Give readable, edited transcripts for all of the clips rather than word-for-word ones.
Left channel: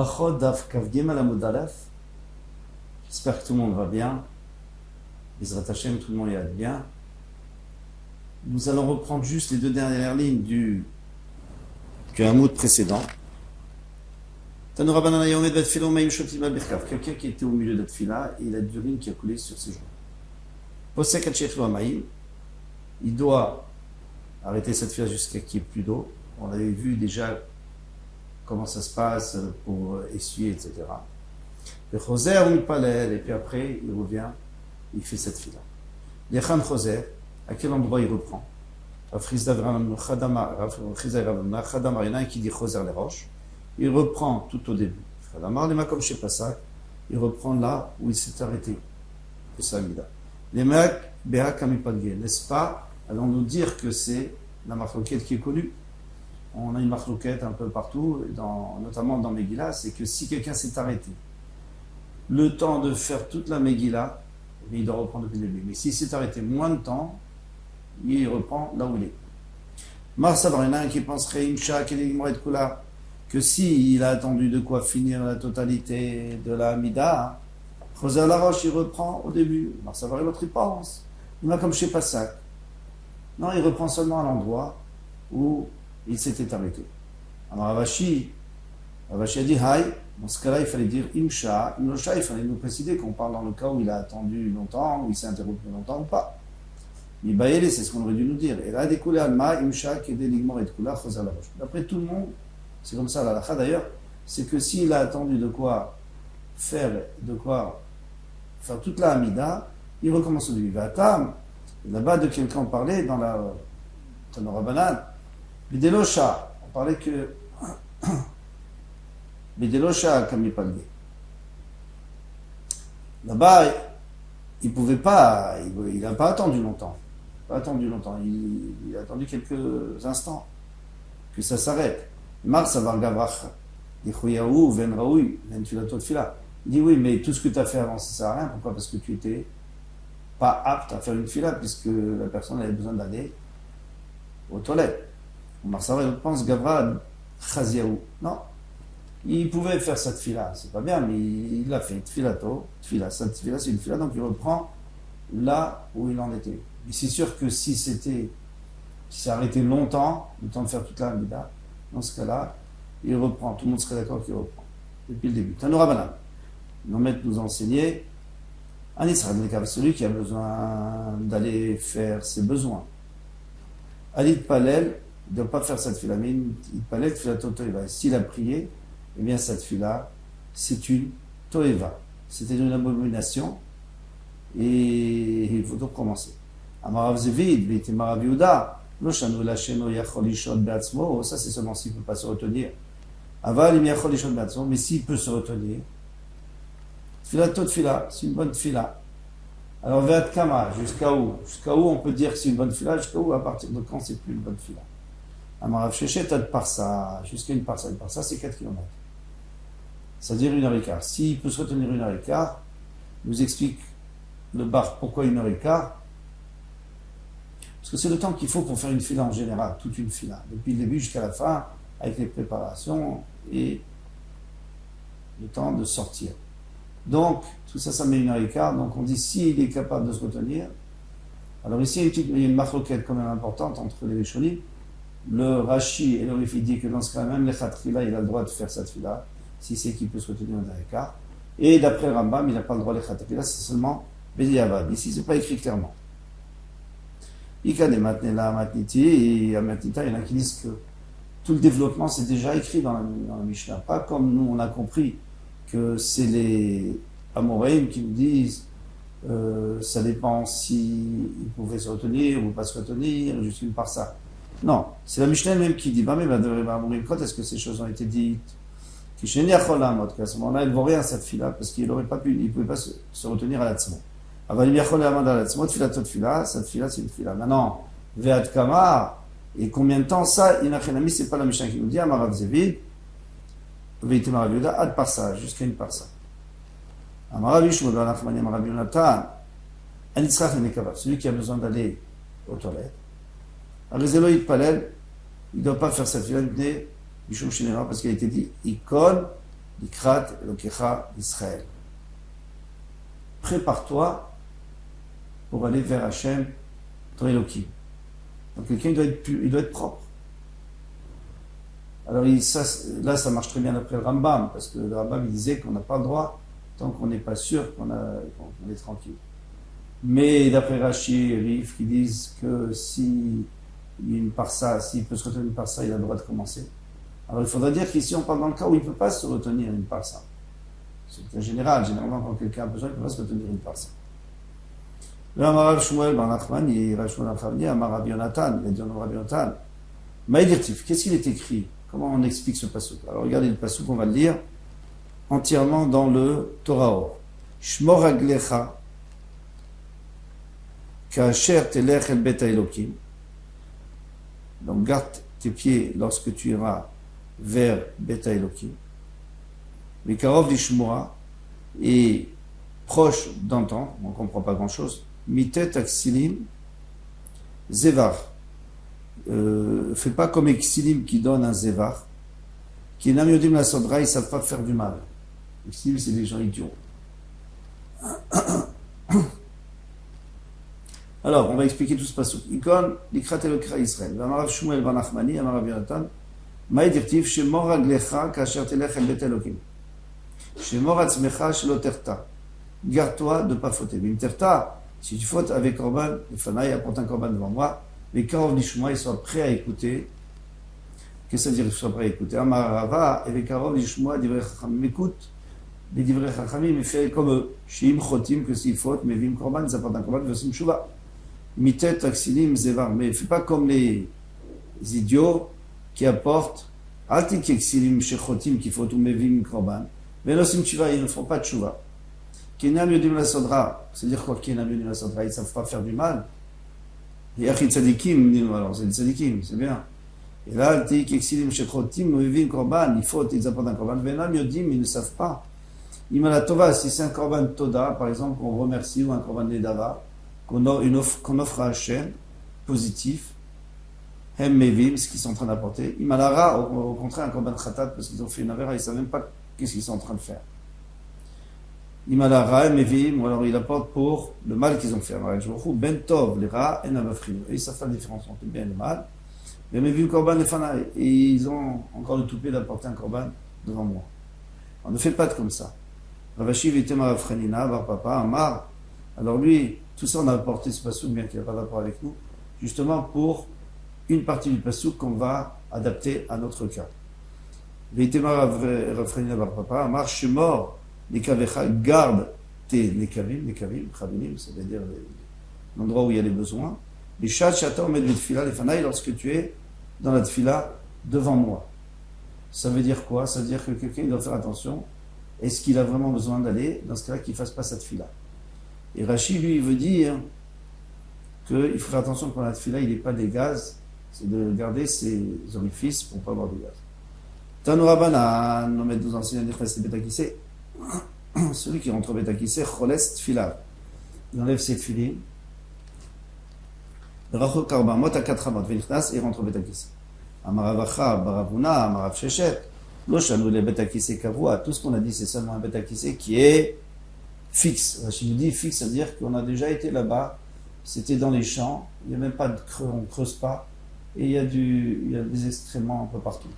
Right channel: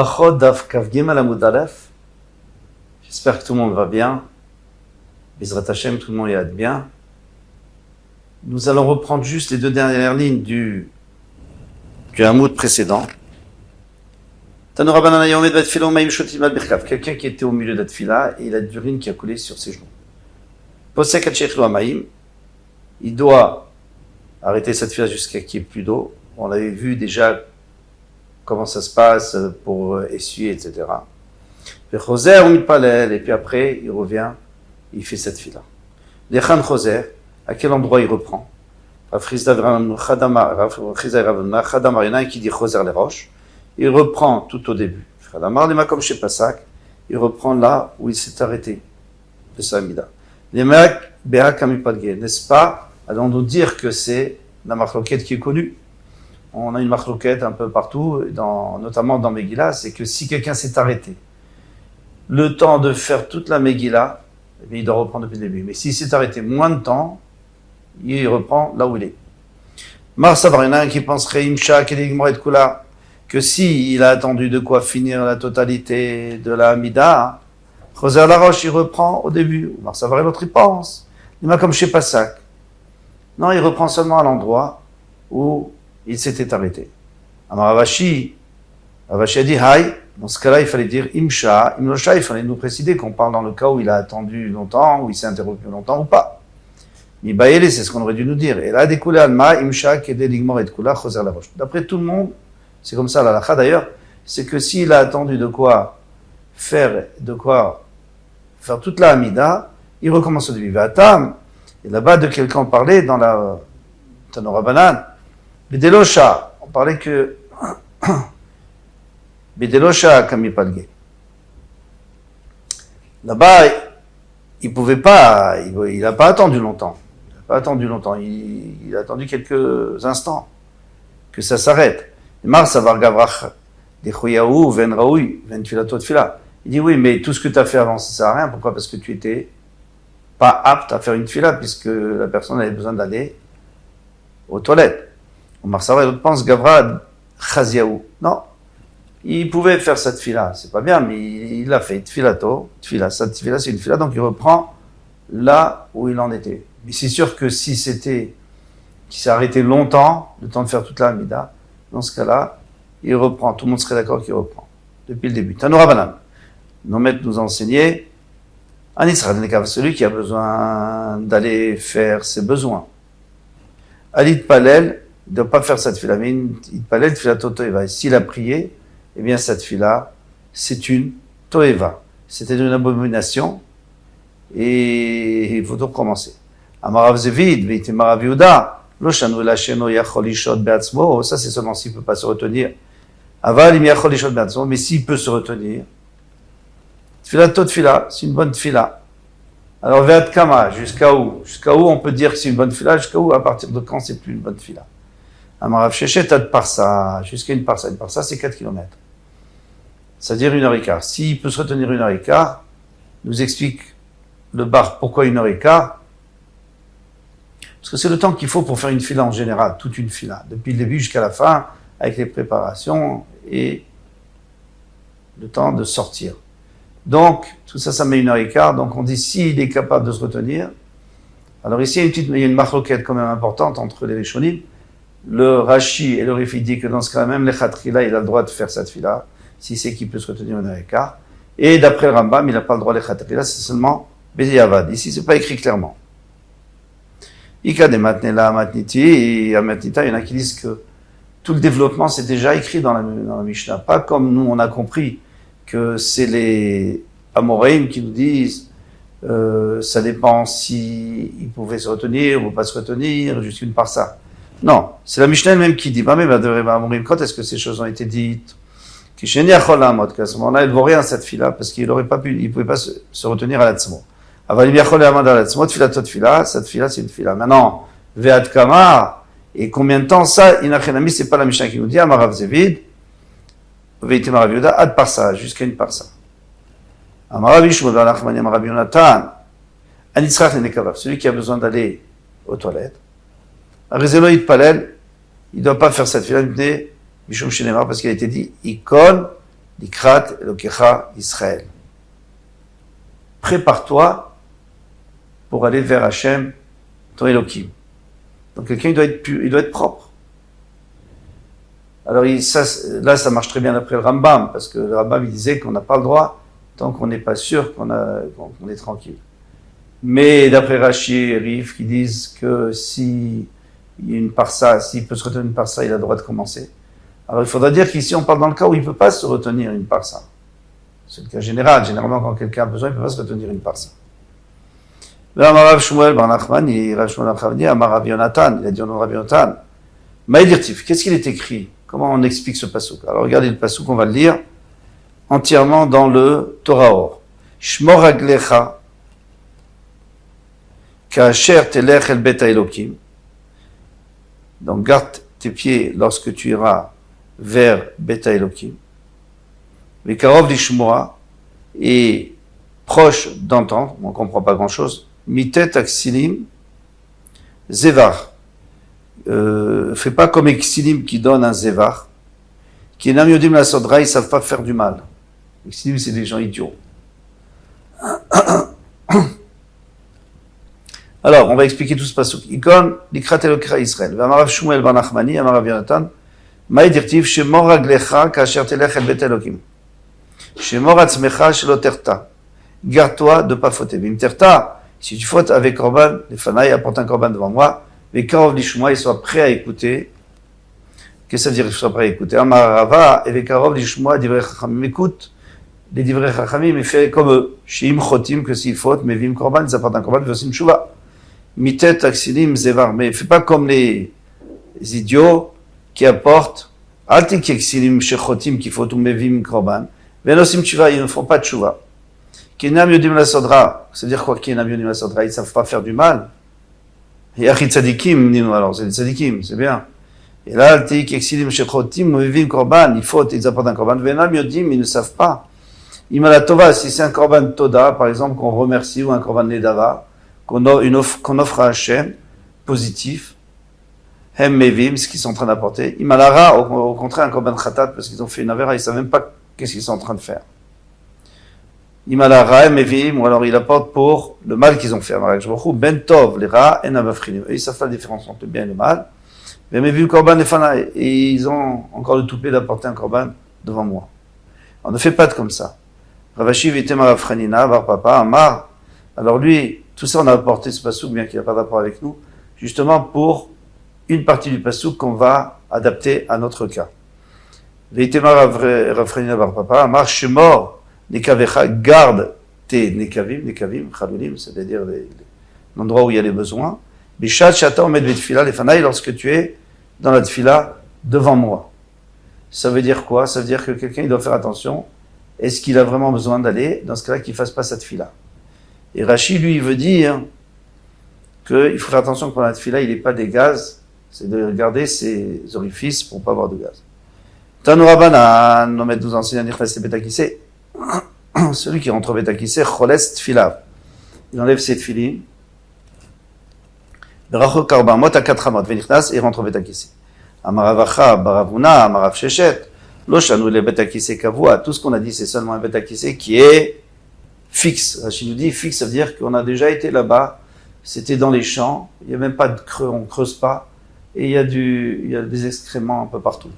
Brachot Daf Kav Gimel Amud Aleph. J'espère que tout le monde va bien. Bizrat Hashem, tout le monde y a bien. Nous allons reprendre juste les deux dernières lignes du Hamoud précédent. Quelqu'un qui était au milieu de la tfila et il a de l'urine qui a coulé sur ses genoux. Posek Hachechlo Amaim, il doit arrêter cette tfila jusqu'à qu'il n'y ait plus d'eau. On avait vu déjà comment ça se passe pour essuyer, etc. Et puis après, il revient, il fait cette tfila. Lechan Choser, à quel endroit il reprend? Il y en a un qui dit Choser les roches. Il reprend tout au début. Il reprend là où il s'est arrêté. N'est-ce pas? Allons nous dire que c'est la marloquette qui est connue. On a une marloquette un peu partout, notamment dans Megillah, c'est que si quelqu'un s'est arrêté, le temps de faire toute la Megillah, eh bien, il doit reprendre depuis le début. Mais s'il s'est arrêté moins de temps, il reprend là où il est. Marsavar, il y en a un qui penserait Imsha, Kula, que s'il a attendu de quoi finir la totalité de la Hamida, Choser la roche, il reprend au début. Marsavar, l'autre, il pense. Il m'a comme chez Passak. Non, il reprend seulement à l'endroit où il s'était arrêté. Alors Ravashi a dit Haï. Dans ce cas-là, il fallait dire Imsha, Imlosha, il fallait nous préciser qu'on parle dans le cas où il a attendu longtemps, où il s'est interrompu longtemps ou pas. Mibaïle, c'est ce qu'on aurait dû nous dire. Et là, découlé Alma, Imsha, Kede Ligmor et Kula, Choser la roche. D'après tout le monde, c'est comme ça, la lacha d'ailleurs, c'est que s'il a attendu de quoi faire toute la Hamida, il recommence au début. Vatam, et là-bas de quelqu'un parlait dans la Tanora Banan, Bedelosha, on parlait que Bedelosha Kamipalge. Là-bas, il pouvait pas, il n'a pas attendu longtemps. Il a attendu quelques instants que ça s'arrête. Mars Savar Gavrach, Dechoyahu, Ven Raoui, Ven Filato de Fila. Il dit oui, mais tout ce que tu as fait avant, ça sert à rien. Pourquoi? Parce que tu étais pas apte à faire une fila, puisque la personne avait besoin d'aller aux toilettes. Omar Savar, l'autre pense Gavra Chaziaou. Non. Il pouvait faire cette fila, c'est pas bien, mais il l'a fait. Tfila, cette fila, c'est une fila, donc il reprend là où il en était. Mais c'est sûr que si qu'il s'est arrêté longtemps, le temps de faire toute la Hamida, dans ce cas-là, il reprend. Tout le monde serait d'accord qu'il reprend. Depuis le début. Tanoura Banan. Nos maîtres nous enseignaient, un Israël, celui qui a besoin d'aller faire ses besoins. Ali Palel, il ne doit pas faire cette fila, mais il Palel, fila toeva. Et s'il a prié, eh bien, cette fila, c'est une toeva. C'était une abomination, et il faut donc commencer. Amarav Zevid, Veite Marav Yehuda, Loshanu Lasheno Yachol Ishot Beatzmo, ça c'est seulement s'il ne peut pas se retenir. Aval Im Yachol Ishot Beatzmo, mais s'il peut se retenir, Tfila tot fila, c'est une bonne fila. Alors, Veat Kama, jusqu'à où? Jusqu'à où on peut dire que c'est une bonne fila? Jusqu'à où? À partir de quand c'est plus une bonne fila? Amarav Shechet Ad Parsa, jusqu'à une parsa. Une parsa, c'est 4 km. C'est-à-dire 1h15. S'il peut se retenir 1h15, nous explique le bar pourquoi 1h15. Parce que c'est le temps qu'il faut pour faire une fila en général, toute une fila, depuis le début jusqu'à la fin, avec les préparations et le temps de sortir. Donc, tout ça, ça met 1h15. Donc, on dit, s'il est capable de se retenir. Alors ici, il y a une marloquette quand même importante entre les Rishonim. Le Rashi et le Rifi dit que dans ce cas-là, même les Khatrila, il a le droit de faire cette fila, si c'est qu'il peut se retenir 1h15. Et d'après le Rambam, il n'a pas le droit, les Khatrila, c'est seulement Béziavad. Ici, c'est pas écrit clairement. Ika de Matnela, Matniti, et à Matnita, il y en a qui disent que tout le développement, c'est déjà écrit dans la Mishnah. Pas comme nous, on a compris que c'est les Amoraïm qui nous disent ça dépend si ils pouvaient se retenir ou pas se retenir, juste une parsa. Non, c'est la Mishnah elle-même qui dit, quand est-ce que ces choses ont été dites? Qu'à ce moment-là, elle ne vaut rien cette fila, parce qu'il n'aurait pas pu, il ne pouvait pas se retenir à la tzmo. Cette fila, c'est une fila. Maintenant, Veat Kama, et combien de temps ça? Inachenami, c'est pas la Mishnah qui nous dit, Amarav Zevid, Veite Marav Yehuda, ad parsa, jusqu'à une parsa. Amarav Ishmael, Amarav Yonatan, Anitzrach Nenekavav, celui qui a besoin d'aller aux toilettes. Arizeloïd Palel, il ne doit pas faire cette fila, Mishum Shinema, parce qu'il a été dit, Ikol Likrat Elokecha Israël. Prépare-toi pour aller vers Hachem, ton Elohim. Donc quelqu'un il doit être propre. Alors là, ça marche très bien après le Rambam, parce que le Rambam il disait qu'on n'a pas le droit tant qu'on n'est pas sûr qu'on est tranquille. Mais d'après Rashi et Rif, qui disent que si il y a une parsa, s'il peut se retenir une parsa, il a le droit de commencer. Alors il faudra dire qu'ici on parle dans le cas où il ne peut pas se retenir une parsa. C'est le cas général. Généralement, quand quelqu'un a besoin, il ne peut pas se retenir une parsa. Là, Rav Shmuel ben Nachmani, Rav Shmuel ben Nachmani, Amar Rav Yonatan, il a dit au nom de Rav Yonatan, Maïdirtif, qu'est-ce qu'il est écrit? Comment on explique ce passouk? Alors regardez le passouk, on va le lire entièrement dans le Torah Or. Shmor Aglecha, Ka'asher telech el bet Elokim. Donc garde tes pieds lorsque tu iras vers Bet Elokim. Vekarov lishmoa, et proche d'entendre, on ne comprend pas grand-chose, mitet aksilim zevar. Fais pas comme Exilim qui donne un zevar, qui est namiodim la sodra, ils savent pas faire du mal. Exilim, c'est des gens idiots. Alors, on va expliquer tout ce passouk. Ikon, likrat elokra Israël. V'amarav Shmuel ben Nachmani, amarav Yonatan, maïdirtiv, shemor raglecha, kasher telech el bet Elokim. Shemor atzmecha, shelo terta. Garde-toi de pas fauter. Bim terta, si tu fautes avec korban, les fanaï apporte un korban devant moi, mais karov lishmoa, il soit prêt à écouter. Qu'est-ce que ça veut dire qu'il soit prêt à écouter? Amarava, et karov lishmoa, divrei chachamim, écoute les divrei chachamim, mais fais comme eux. Shim chotim, que s'ils fautent, mais vim korban, ils apportent un korban, vosim tshuva. Mitet aksilim zevar, mais fais pas comme les idiots qui apportent altik aksilim shechotim qui fautent ou mevim korban, venosim tshuva, ils ne font pas de tshuva. Kinam yodim la sodra, ça veut dire quoi kinam yodim la sodra? Ils savent pas faire du mal. Yachi tzadikim, dis-nous alors, c'est les tzadikim, c'est bien. Et là, altik aksilim shechotim mevim korban, ils fautent, ils apportent un korban, venam yodim, ils ne savent pas. Imala tova, si c'est un korban toda, par exemple, qu'on remercie, ou un korban nedava, qu'on offre à Hachem, positif, hem mevim, ce qu'ils sont en train d'apporter. Imalara, au contraire, un korban khatat, parce qu'ils ont fait une avera, ils ne savent même pas qu'est-ce qu'ils sont en train de faire. Imalara, hem mevim, ou alors ils apportent pour le mal qu'ils ont fait. Ben tov, les rats, en avafrinim. Ils savent pas la différence entre le bien et le mal. Mais mevim korban nefana, et ils ont encore le toupet d'apporter un korban devant moi. On ne fait pas de comme ça. Ravashi vitem avafranina, var papa, amar. Alors lui, tout ça, on a apporté ce passouk, bien qu'il n'y a pas rapport avec nous, justement pour une partie du passouk qu'on va adapter à notre cas. Veitema rafrenina bar papa, marche mort, nekavecha, garde tes nekavim, chalulim, c'est-à-dire l'endroit où il y a les besoins. Bishat shata omed betfila lefanaï, lorsque tu es dans la tfila devant moi. Ça veut dire quoi? Ça veut dire que quelqu'un, il doit faire attention. Est-ce qu'il a vraiment besoin d'aller? Dans ce cas-là, qu'il ne fasse pas cette tfila. Et Rashi, lui, il veut dire qu'il faut faire attention que pendant la tfila, il n'ait pas des gaz, c'est de garder ses orifices pour ne pas avoir de gaz. Tanu Rabbanan, on nous enseigne à dire que c'est Betakissé. Celui qui rentre au Betakissé, choles tfila. Il enlève ses tfilines. Berachot karba, mot à 4 amot, venichnas, et rentre au Betakissé. Amaravacha, baravuna, amarav shechet, loshanu le Betakissé kavua. Tout ce qu'on a dit, c'est seulement un Betakissé qui est fixe. Rachid nous dit fixe, ça veut dire qu'on a déjà été là-bas, c'était dans les champs, il n'y a même pas de creux, on ne creuse pas, et il y a des excréments un peu partout.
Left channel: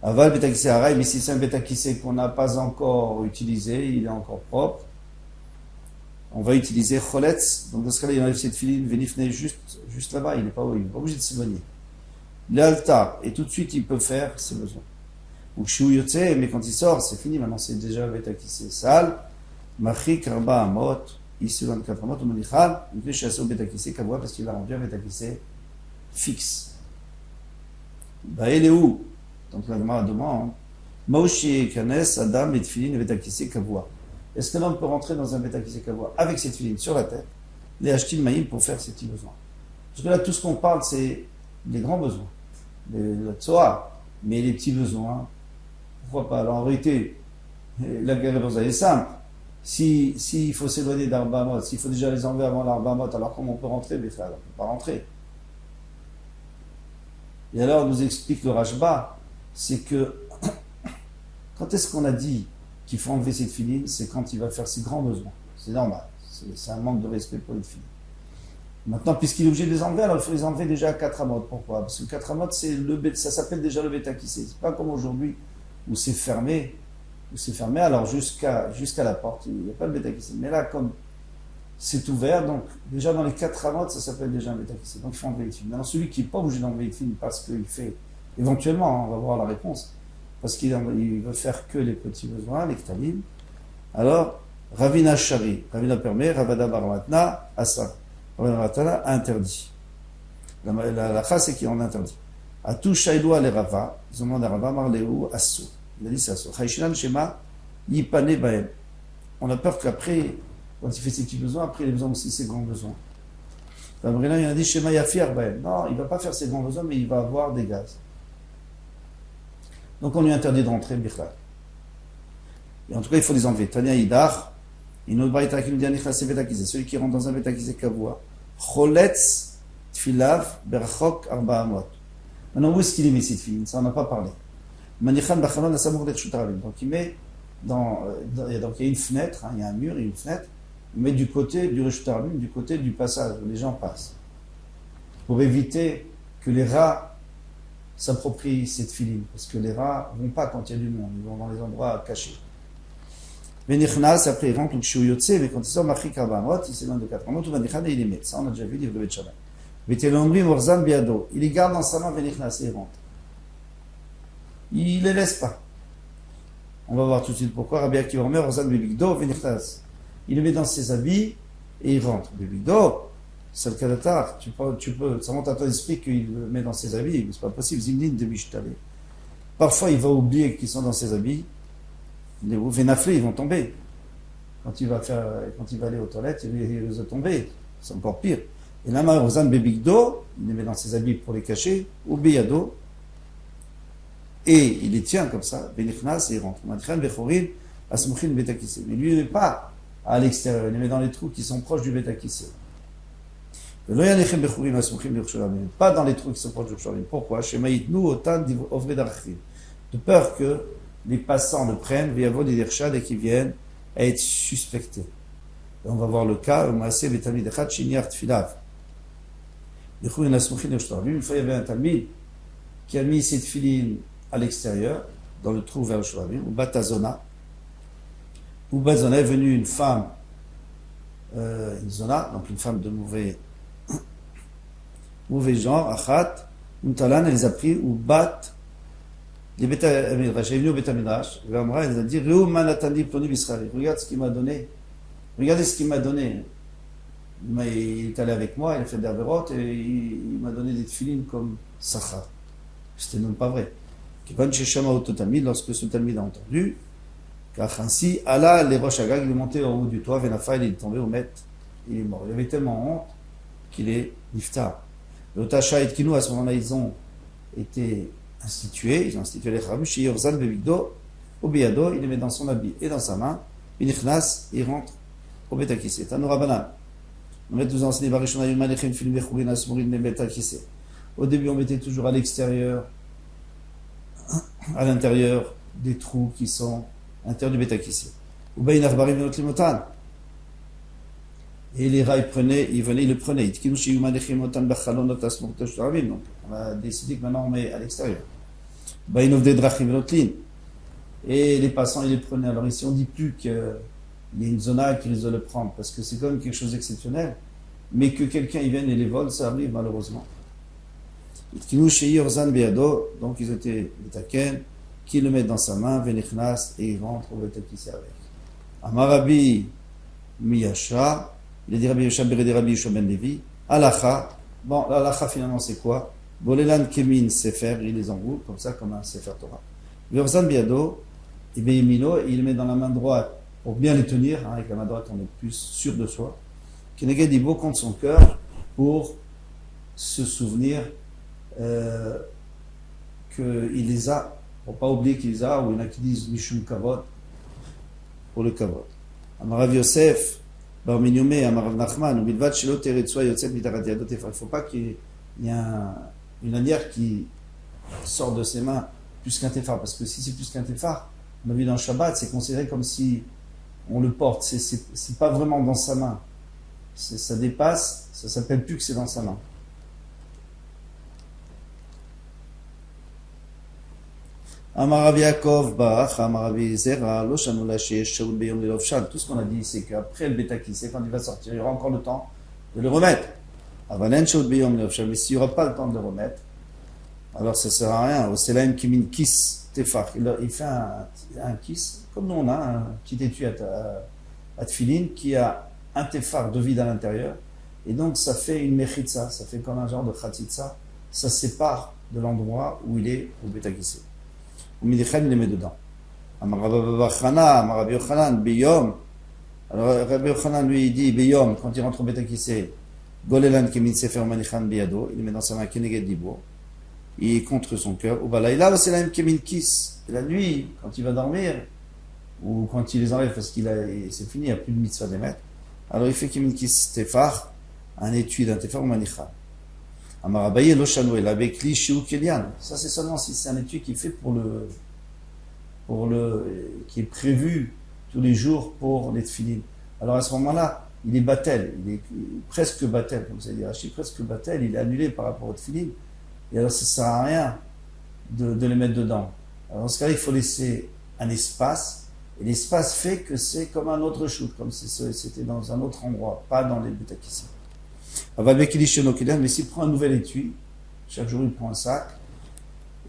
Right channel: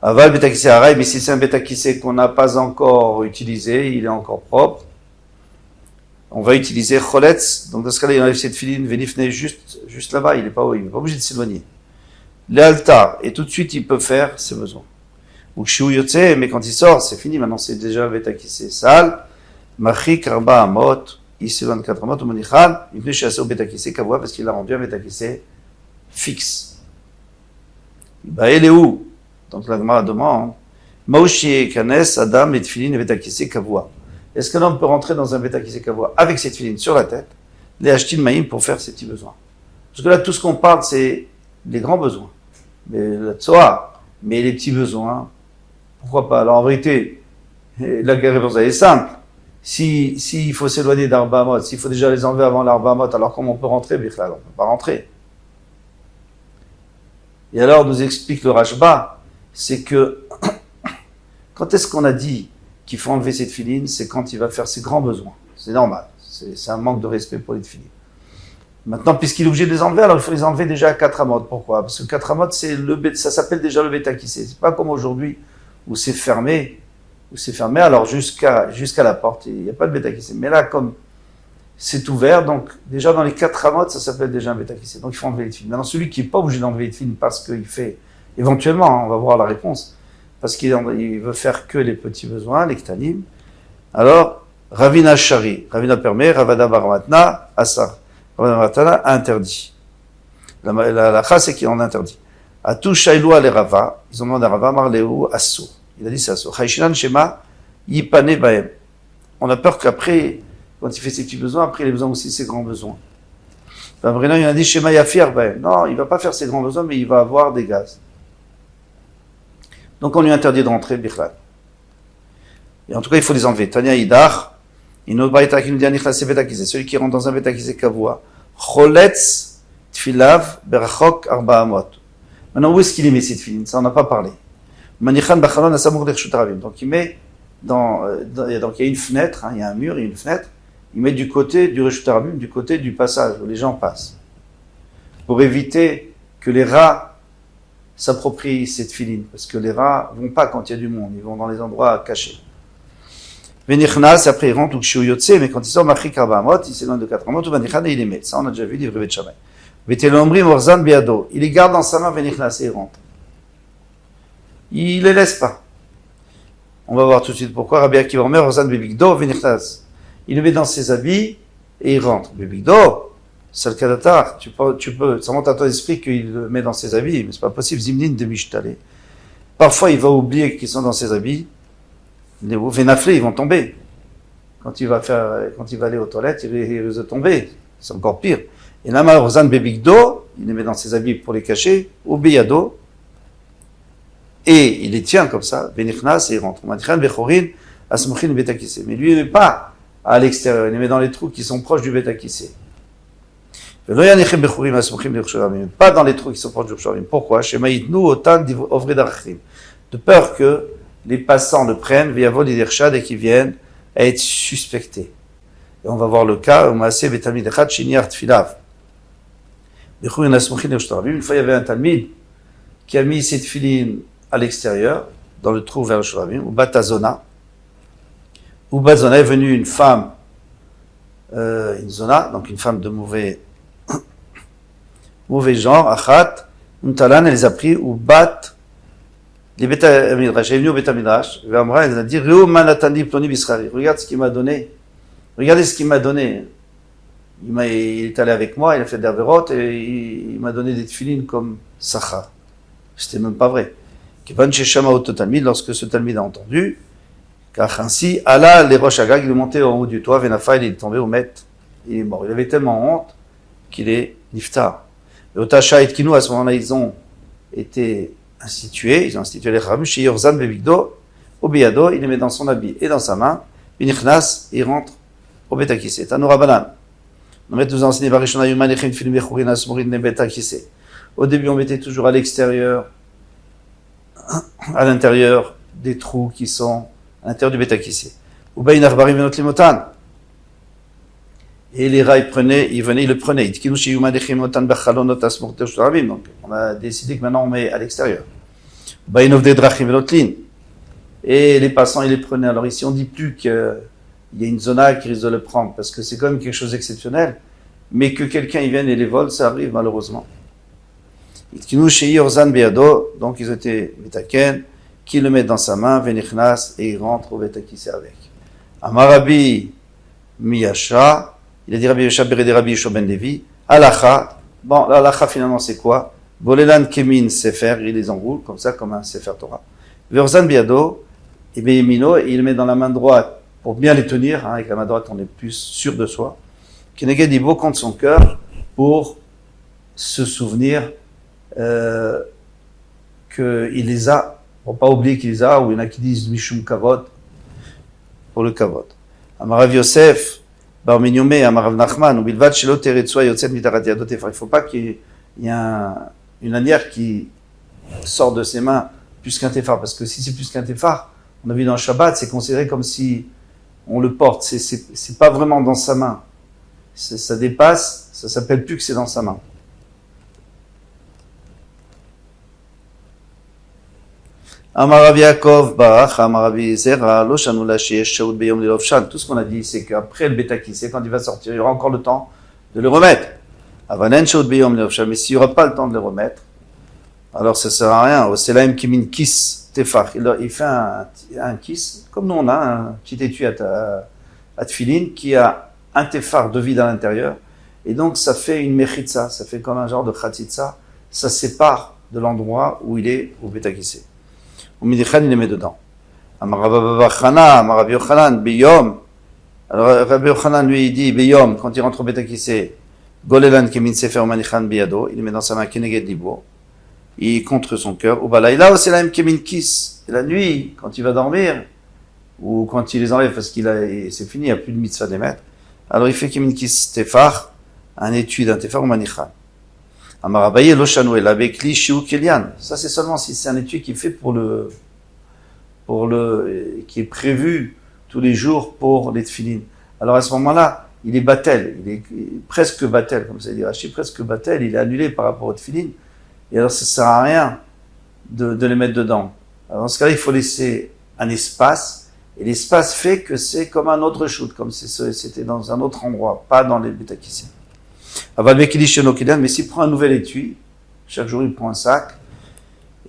Aval betakissé araï, mais si c'est un betakissé qu'on n'a pas encore utilisé, il est encore propre, on va utiliser choletz, donc dans ce cas-là, il enlève cette filine, venifne juste là-bas, il n'est pas obligé de s'éloigner. L'altar, et tout de suite, il peut faire ses besoins. Ou kshiou yotse, mais quand il sort, c'est fini, maintenant c'est déjà un betakissé sale. Machi karba amot, il s'éloigne 4 amot, ou monichal, il venait chasser au betakissé kavoua, parce qu'il a rendu un betakissé fixe. Bah, il est où? Donc la Gemara demande, Maoshi kanes, Adam, et tfilin, et betakissé kavoua. Est-ce qu'un homme peut rentrer dans un betakissé kavoua avec cette filine sur la tête, les acheter maïm pour faire ses petits besoins? Parce que là, tout ce qu'on parle, c'est des grands besoins. Mais la tsoa, mais les petits besoins, pourquoi pas? Alors en vérité, la réponse est simple. S'il faut s'éloigner d'Arba Amot, s'il faut déjà les enlever avant l'Arba Amot, alors comment on peut rentrer? Bichlal, on ne peut pas rentrer. Et alors nous explique le Rashba, c'est que Quand est-ce qu'on a dit qu'il faut enlever ses tefilines? C'est quand il va faire ses grands besoins. C'est normal. C'est un manque de respect pour les tefilines. Maintenant, puisqu'il est obligé de les enlever, alors il faut les enlever déjà à 4 amot. Pourquoi? Parce que 4 amot, ça s'appelle déjà le bétakissé. C'est pas comme aujourd'hui où c'est fermé. Alors jusqu'à la porte, il n'y a pas de bétakissé. Mais là, comme c'est ouvert, donc déjà dans les 4 amot, ça s'appelle déjà un bétakissé. Donc il faut enlever les tefilines. Maintenant, celui qui n'est pas obligé d'enlever les tefilines parce qu'il fait, éventuellement, on va voir la réponse, parce qu'il veut faire que les petits besoins, les ktanim, alors, Ravina Shari, Ravina permet, Ravada Baramatna, Asa. Ravina Baramatna interdit. La chas, c'est qu'il en interdit. Atou Shailou ale Rava, ils ont demandé à Rava, Marleu, Asso. Il a dit c'est Asso. Chayshinan Shema, Yipane Baem. On a peur qu'après, quand il fait ses petits besoins, après il a besoin aussi de ses grands besoins. Vraiment, il a dit Shema Yafir Baem. Non, il ne va pas faire ses grands besoins, mais il va avoir des gaz. Donc on lui interdit de rentrer, Bichlal. Et en tout cas, il faut les enlever. Tanya Idar, c'est celui qui rentre dans un bétakisé kavua. Choletz tfilav berachok arba amot. Maintenant, où est-ce qu'il met ces tfilines? Ça, on n'a pas parlé. Manichan bachalon asamour dershut haravim. Donc, il met donc il y a une fenêtre, il y a un mur, il y a une fenêtre. Il met du côté du reshut haravim, du côté du passage où les gens passent. Pour éviter que les rats s'approprient cette filine. Parce que les rats ne vont pas quand il y a du monde. Ils vont dans les endroits cachés. Venichnas, après il rentre, ou Yotse, mais quand il sort, Machik Arba Amot, il s'éloigne de 4 Amot, ou Vanichan, et il les met. Ça, on a déjà vu, livre Bet Shammai. Vetelomri Morzan Biado. Il les garde dans sa main, Venichnas, et il rentre. Il les laisse pas. On va voir tout de suite pourquoi. Rabbi Akiva Omer, Morzan Bebigdo, Venichnas. Il le met dans ses habits, et il rentre. Bebigdo, c'est le Kadatar. Tu peux, ça monte à ton esprit qu'il le met dans ses habits, mais c'est pas possible. Zimnin de Mishtale. Parfois, il va oublier qu'ils sont dans ses habits. Les vénaflés, ils vont tomber. Quand il va aller aux toilettes, il va tomber. C'est encore pire. Et là, Rozan Bebigdo, il les met dans ses habits pour les cacher, au Beyado, et il les tient comme ça, Venichnas, et il rentre. Mais lui, il ne met pas à l'extérieur, il les met dans les trous qui sont proches du Betakissé. Pas dans les trous qui sont proches du Betakissé. Pourquoi? De peur que les passants le prennent, via vol et qu'ils viennent à être suspectés. Et on va voir le cas, une fois il y avait un talmid qui a mis cette filine à l'extérieur, dans le trou vers le Shuravim, ou Batazona. Ou Batazona est venue une femme, une zona, donc une femme de mauvais genre, Achat, Untalan, elle les a pris, ou Bat, les Beta Midrash, elle est venue au Beta Midrash, elle a dit, regarde ce qu'il m'a donné. Regardez ce qu'il m'a donné. Il est allé avec moi, il a fait des avérotes et il m'a donné des tefilines comme Sacha. C'était même pas vrai. Lorsque ce talmid a entendu, car ainsi, Allah, les roches Agag, il est monté en haut du toit, Venafa, il est tombé au Met, il est mort. Il avait tellement honte qu'il est niftar. Et au Tasha et Kinou, à ce moment-là, ils ont institué les Khamim, chez Yorzan Bebigdo, au Beyado, il les met dans son habit et dans sa main, Binichnas, il rentre au Betakissé. Tanoura Banan. Au début, on mettait toujours à l'extérieur, à l'intérieur des trous qui sont à l'intérieur du Betakissé. Et les rats, ils le prenaient. Donc, on a décidé que maintenant on met à l'extérieur. Et les passants, ils les prenaient. Alors ici, on ne dit plus qu'il y a une zona qui risque de le prendre, parce que c'est quand même quelque chose d'exceptionnel. Mais que quelqu'un y vienne et les vole, ça arrive malheureusement. Donc ils étaient Betaken, qui le met dans sa main, Venichnas, et il rentre au Betakissé avec. Amarabi Miyasha, il a dit Rabbi Yosha Berede Rabbi Yosha Ben Levi, Alacha, bon, l'Alacha finalement c'est quoi? Volelan Kemin Sefer, il les enroule comme ça, comme un Sefer Torah. Verzan Biado, et Beyemino, il le met dans la main droite pour bien les tenir, avec la main droite on est plus sûr de soi. Keneged Ibo contre son cœur pour se souvenir qu'il les a, pour pas oublier qu'il les a, ou il y en a qui disent Mishum Kavod, pour le Kavod. Amarav Yosef, Bar Minyomé, Amarav Nachman, ou Bilvad Shelo Teretsua Yotzet Mitarat Yadot Efar. Il ne faut pas qu'il y ait une lanière qui sort de ses mains plus qu'un téphar, parce que si c'est plus qu'un téphar, On a vu dans le Shabbat, c'est considéré comme si on le porte. C'est pas vraiment dans sa main. Ça dépasse, ça s'appelle plus que c'est dans sa main. Amar Rav Yaakov Barach, Amar Rav Zera, Lo Shanu La Sheyesh Shaul Beyom Lilov Shan. Tout ce qu'on a dit, c'est qu'après le Betakissé, quand il va sortir, il y aura encore le temps de le remettre. Avanen Shaul Beyom Lilov Shan. Mais s'il n'y aura pas le temps de le remettre, alors ça ne sert à rien. Au Selaim Kimin Kis Tefach. Il fait un kiss, comme nous on a un petit étui à Tfilin, qui a un tefar de vide à l'intérieur. Et donc ça fait une mechitza, ça fait comme un genre de khatitza. Ça sépare de l'endroit où il est au Betakissé. Au Midichan, il les met dedans. Amar Rabbi Yochanan, Beyom. Alors Rabbi Yochanan, lui, il dit, Beyom, quand il rentre au Betakissé, Golelan Kemin Sefer Manichan Biyado, il le met dans sa main Keneged Libo, il est contre son cœur. Ou Balaïla, c'est la même Kemin Kis. Et la nuit, quand il va dormir, ou quand il les enlève parce c'est fini, il n'y a plus de mitzvah des maîtres, alors il fait Kemin Kis Tefar, un étui d'un Tefar ou Manichan. Amarabaye Lochanou el avec li shiu kelian. Ça c'est seulement si c'est un étui qui est fait qui est prévu tous les jours pour les tefilin. Alors à ce moment-là, il est batel, il est presque batel, comme ça dit Rashi, presque batel, il est annulé par rapport au tefilin. Et alors ça sert à rien de les mettre dedans. Alors dans ce cas-là, il faut laisser un espace, et l'espace fait que c'est comme un autre shoot, comme c'était dans un autre endroit, pas dans les Betakissé. Mais s'il prend un nouvel étui, chaque jour il prend un sac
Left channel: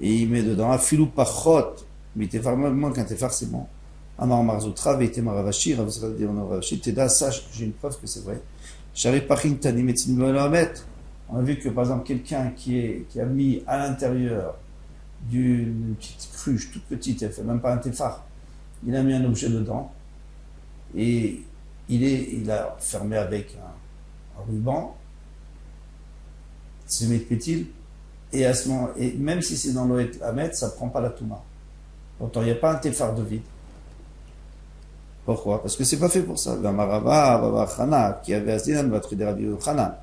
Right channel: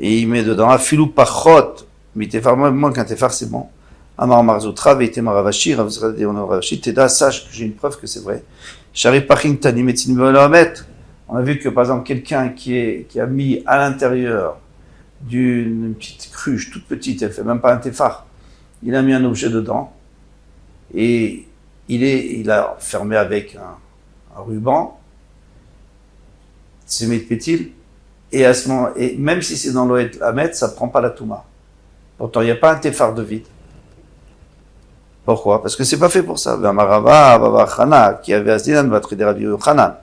et il met dedans afilou pachot, mais tefar moins qu'un tefar c'est bon. Amar Marzoutra, Veite Maravashi, Ravzradi Onavashi, Teda, sache que j'ai une preuve que c'est vrai. Shari Paching Tani Metzin Melamet. On a vu que par exemple quelqu'un qui a mis à l'intérieur d'une petite cruche toute petite, elle fait même pas un tefar, il a mis un objet dedans et il a fermé avec un ruban, c'est métpétil, et à ce moment, et même si c'est dans l'Oed Hamet, ça ne prend pas la Touma. Pourtant, il n'y a pas un tefar de vide. Pourquoi? Parce que c'est pas fait pour ça. Qui avait Asdinan va traiter Rabbi Yochanan.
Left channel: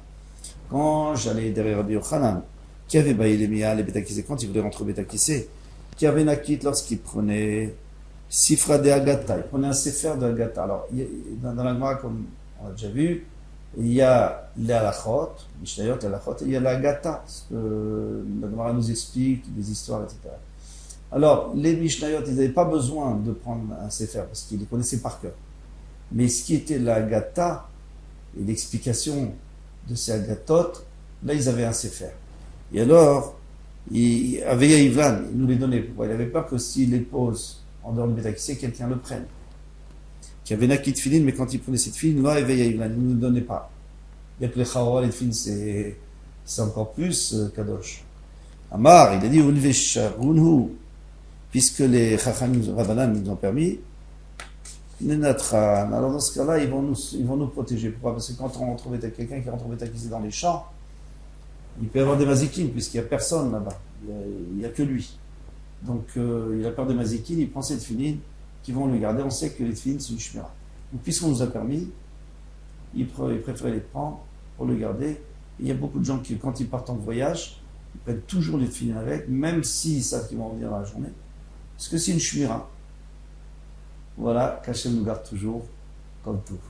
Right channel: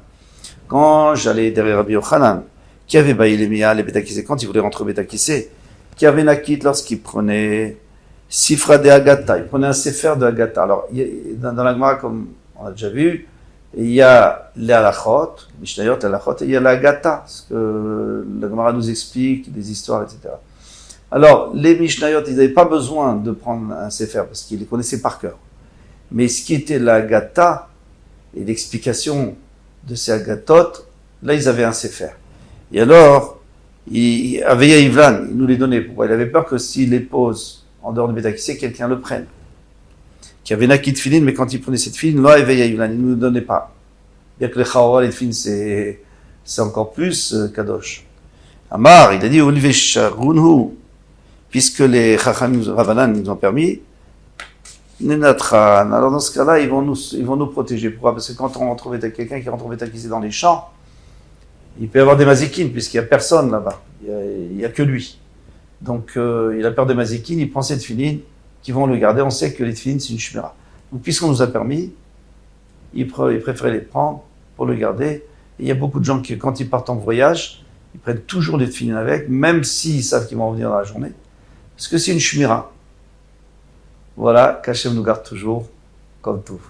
Quand j'allais derrière Rabbi Yochanan, qui avait baillé les Mia, les Betakissé, quand il voulait rentrer au Betakissé, qui avait Nakit lorsqu'il prenait Sifra de Agata, il prenait un Sefer de Agata. Alors, dans la Gemara, comme on a déjà vu, il y a les halachot, Mishnayot, les halachot, et il y a la Agata, ce que la Gemara nous explique, des histoires, etc. Alors, les Mishnayot, ils n'avaient pas besoin de prendre un Sefer, parce qu'ils les connaissaient par cœur. Mais ce qui était la Agata, et l'explication de ces Agatot, là, ils avaient un Sefer. Et alors, Aveya Ivlan, il nous les donnait. Pourquoi? Il avait peur que s'il les pose en dehors de Betakissé, quelqu'un le prenne. Qui avait Nakit Tfilin, mais quand il prenait cette Tfilin, là, Aveya Ivlan, il ne nous le donnait pas. Il y a que les Chaora, les Tfilin, c'est encore plus Kadosh. Amar, il a dit, Olive Sharunhu, puisque les Chachamim Ravanan nous ont permis, Nenatran. Alors dans ce cas-là, ils vont nous protéger. Pourquoi? Parce que quand on retrouve quelqu'un qui rentre au Betakissé dans les champs, il peut y avoir des mazikines, puisqu'il n'y a personne là-bas. Il n'y a que lui. Donc, il a peur des mazikines, il prend ses tefilines qui vont le garder. On sait que les tefilines, c'est une shmira. Donc, puisqu'on nous a permis, il préférait les prendre pour le garder. Et il y a beaucoup de gens qui, quand ils partent en voyage, ils prennent toujours les tefilines avec, même s'ils savent qu'ils vont revenir dans la journée. Parce que c'est une shmira. Voilà, qu'Hachem nous garde toujours comme tout.